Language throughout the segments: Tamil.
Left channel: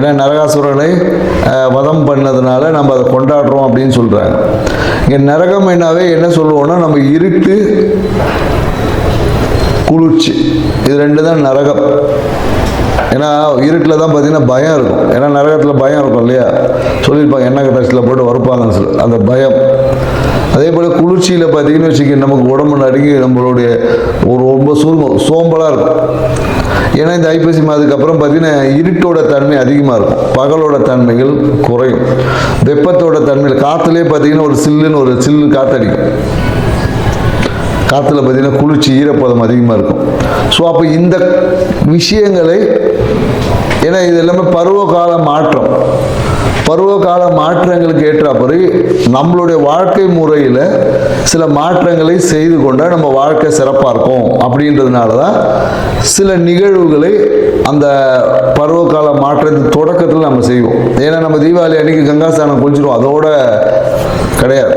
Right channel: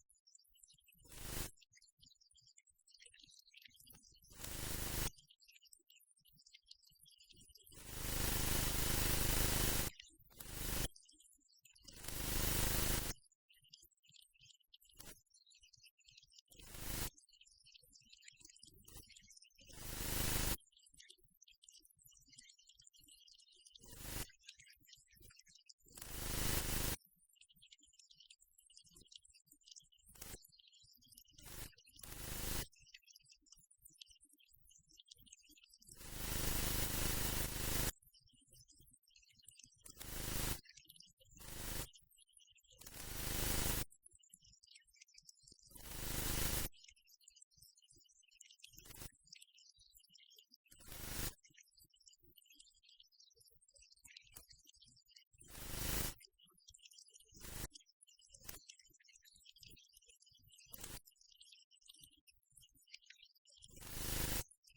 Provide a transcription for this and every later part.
ஏன்னா நரகாசுரனை வதம் பண்ணதுனால நம்ம அதை கொண்டாடுறோம் அப்படின்னு சொல்கிறாங்க இங்கே நரகம் என்னாவே என்ன சொல்லுவோம்னா நம்ம இருட்டு குளிர்ச்சி. இது ரெண்டு தான் நரகம். ஏன்னா இருட்டில் தான் பார்த்தீங்கன்னா பயம் இருக்கும். ஏன்னா நரகத்தில் பயம் இருக்கும் இல்லையா? சொல்லியிருப்பாங்க என்ன டஸ்ட்டில் போட்டு வறுப்பாங்கன்னு சொல்லி. அந்த பயம். அதே போல் குளிர்ச்சியில் பார்த்தீங்கன்னு வச்சுக்க நமக்கு உடம்பு நடுங்கி நம்மளுடைய ஒரு ரொம்ப சுருங்கம் சோம்பலாக இருக்கும். ஏன்னா இந்த ஐப்பசி மாதத்துக்கு அப்புறம் பார்த்தீங்கன்னா இருட்டோட தன்மை அதிகமாக இருக்கும். பகலோட தன்மைகள் குறையும். வெப்பத்தோட தன்மையில் காற்றுலேயே பார்த்தீங்கன்னா ஒரு சில்லுன்னு ஒரு சில்லு காற்றடிக்கும் காற்றுல பார்த்தீங்கன்னா குளிர்ச்சி ஈரப்பதம் அதிகமாக இருக்கும். ஸோ அப்போ இந்த விஷயங்களை ஏன்னா இது எல்லாமே பருவகால மாற்றம். பருவகால மாற்றங்களுக்கு ஏற்றாப்படி நம்மளுடைய வாழ்க்கை முறையில் சில மாற்றங்களை செய்து கொண்டால் நம்ம வாழ்க்கை சிறப்பாக இருக்கும். அப்படின்றதுனால தான் சில நிகழ்வுகளை அந்த பருவகால மாற்றத்தின் தொடக்கத்தில் நம்ம செய்வோம். ஏன்னா நம்ம தீபாவளி அன்னைக்கு கங்காஸ்தானம் குளிச்சிருவோம். அதோட கிடையாது.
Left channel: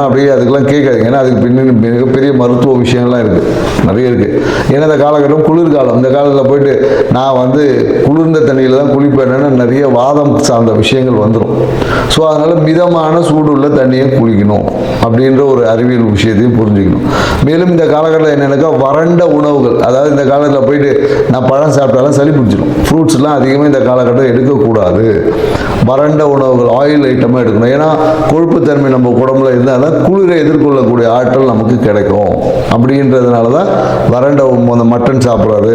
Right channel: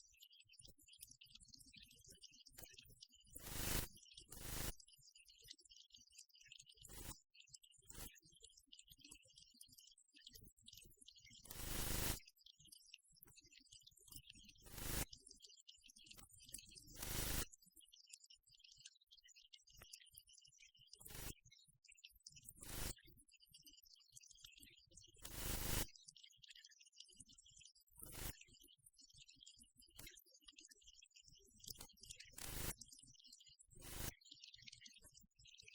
போனால் அப்படியே அதுக்கெல்லாம் கேட்காது ஏன்னா அதுக்கு பின்னணி மிகப்பெரிய மருத்துவ விஷயம்லாம் இருக்குது நிறைய இருக்குது ஏன்னா இந்த காலகட்டம் குளிர்காலம். இந்த காலத்தில் போயிட்டு நான் வந்து குளிர்ந்த தண்ணியில் தான் குளிப்பேன்னு நிறைய வாதம் சார்ந்த விஷயங்கள் வந்துடும் ஸோ அதனால் மிதமான சூடுள்ள தண்ணியை குளிக்கணும் அப்படின்ற ஒரு அறிவியல் விஷயத்தையும் புரிஞ்சுக்கணும். மேலும் இந்த காலகட்டத்தில் என்னென்னாக்கா வறண்ட உணவுகள் அதாவது இந்த காலத்தில் போயிட்டு நான் பழம் சாப்பிட்டாலும் சளி பிடிச்சிடும் ஃப்ரூட்ஸ்லாம் அதிகமாக இந்த காலகட்டம் எடுக்கக்கூடாது. வறண்ட உணவுகள் ஆயில் ஐட்டமாக எடுக்கணும். ஏன்னா கொழுப்புத்தன்மை நம்ம உடம்புல இருந்தால் தான் குளிரை எதிர்கொள்ளக்கூடிய ஆற்றல் நமக்கு கிடைக்கும். அப்படின்றதுனால தான் வறண்ட மட்டன் சாப்பிட்றாரு.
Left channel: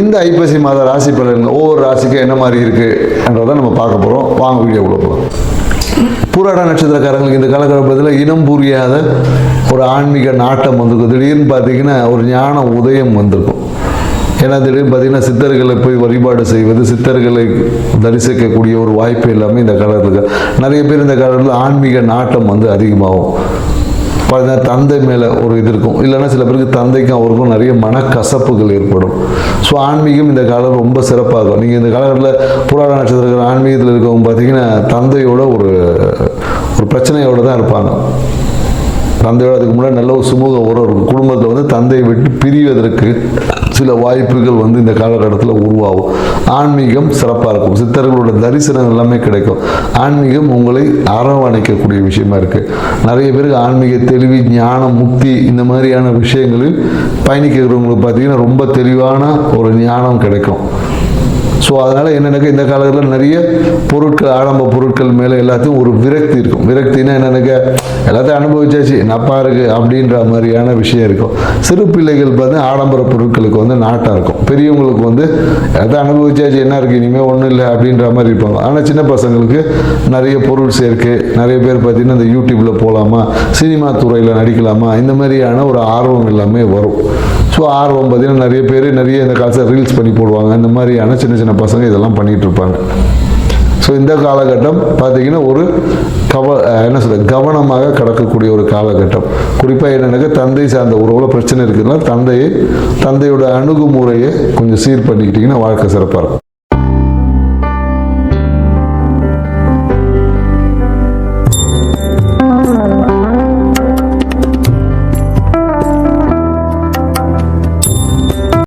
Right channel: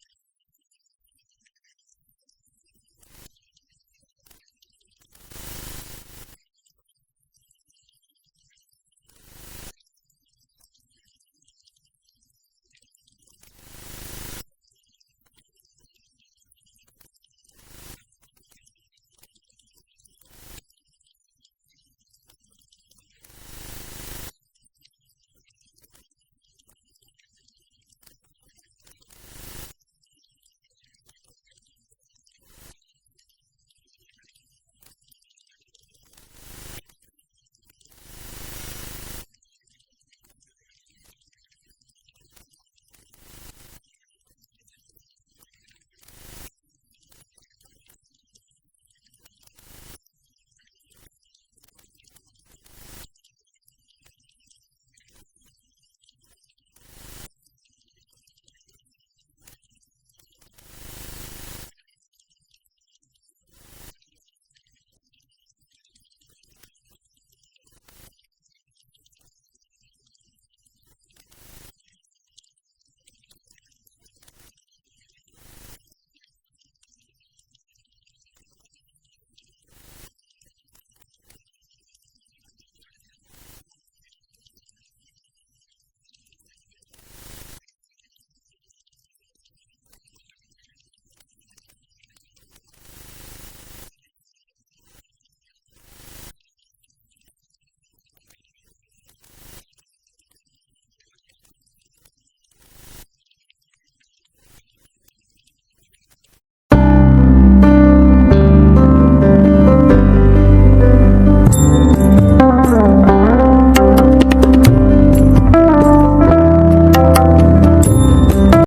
இந்த ஐப்பசி மாத ராசி பலன்கள் ஒவ்வொரு ராசிக்கும் என்ன மாதிரி இருக்குன்றதை நம்ம பார்க்க போகிறோம் வாங்க வீடியோ கொடுப்போம் பூராட நட்சத்திரக்காரங்களுக்கு இந்த காலகட்டத்தில் இனம் புரியாத ஒரு ஆன்மீக நாட்டம் வந்திருக்கும். திடீர்னு பார்த்தீங்கன்னா ஒரு ஞான உதயம் வந்திருக்கும். ஏன்னா திடீர்னு பார்த்தீங்கன்னா சித்தர்களை போய் வழிபாடு செய்வது சித்தர்களை தரிசிக்கக்கூடிய ஒரு வாய்ப்பு எல்லாமே இந்த காலத்தில் நிறைய பேர் இந்த காலத்தில் ஆன்மீக நாட்டம் வந்து அதிகமாகும். தந்தை மேலே ஒரு இது இருக்கும். இல்லைன்னா சில பேருக்கு தந்தைக்கும் அவருக்கும் நிறைய மனக்கசப்புகள் ஏற்படும். ஸோ ஆன்மீகம் இந்த காலம் ரொம்ப சிறப்பாக இருக்கும் நீங்கள் இந்த காலகட்டத்தில் புராண நட்சத்திரங்கள் ஆன்மீகத்தில் இருக்கவங்க பார்த்தீங்கன்னா தந்தையோட ஒரு ஒரு பிரச்சனையோடு தான் இருப்பாங்க. தந்தையோட அதுக்கு முன்னாடி நல்ல ஒரு சுமூக உறவு இருக்கும். குடும்பத்தில் வந்து தந்தையை விட்டு பிரிவதற்கு சில வாய்ப்புகள் வந்து இந்த காலகட்டத்தில் உருவாகும். ஆன்மீகம் சிறப்பாக இருக்கும். சித்தர்களோட தரிசனம் எல்லாமே கிடைக்கும். ஆன்மீகம் உங்களை அரவணைக்கக்கூடிய விஷயமா இருக்கு. நிறைய பேருக்கு ஆன்மீக தெளிவு ஞானம் முக்தி இந்த மாதிரியான விஷயங்களில் பயணிக்கிறவங்களுக்கு பார்த்தீங்கன்னா ரொம்ப தெளிவான ஒரு ஞானம் கிடைக்கும். ஸோ அதனால் என்னென்னாக்கா இந்த காலத்தில் நிறைய பொருட்கள் ஆடம்ப பொருட்கள் மேலே எல்லாத்தையும் ஒரு விரக்தி இருக்கும். விரக்தினா என்னென்னாக்கா எல்லாத்தையும் அனுபவிச்சாச்சு. நப்பா இருக்குது அப்படின்ற மாதிரியான விஷயம் இருக்கும். சிறு பிள்ளைகள் பார்த்தீங்கன்னா ஆடம்பர பொருட்களுக்கு வந்து நாட்டாக இருக்கும். பெரியவங்களுக்கு வந்து எல்லாத்தையும் அனுபவிச்சாச்சு. என்ன இருக்குது இனிமேல் ஒன்றும் இல்லை அப்படின்ற மாதிரி இருப்பாங்க. ஆனால் சின்ன பசங்களுக்கு நிறைய பொருள் சேர்க்கு நிறைய பேர் பார்த்திங்கன்னா இந்த யூடியூப்பில் போகலாமா சினிமா துறையில் நடிக்கலாமா இந்த மாதிரியான ஒரு ஆர்வம் எல்லாமே வரும். ஸோ ஆர்வம் பார்த்தீங்கன்னா நிறைய பேர் நிறைய இந்த காலத்தில் ரீல்ஸ் பண்ணி போடுவாங்க. இந்த மாதிரியான சின்ன சின்ன பசங்க இதெல்லாம் பண்ணிட்டு இருப்பாங்க ஸோ இந்த காலகட்டம் பார்த்தீங்கன்னா ஒரு கவ என்ன சொல்ற கவனமாக கடக்கக்கூடிய ஒரு காலகட்டம். குறிப்பாக என்னென்னாக்கா தந்தை சார்ந்த உறவுல பிரச்சனை இருக்குதுன்னா தந்தையை தந்தையோட அணுகுமுறையை கொஞ்சம் சீர் பண்ணிக்கிட்டிங்கன்னா வாழ்க்கை சிறப்பாக இருக்கும்.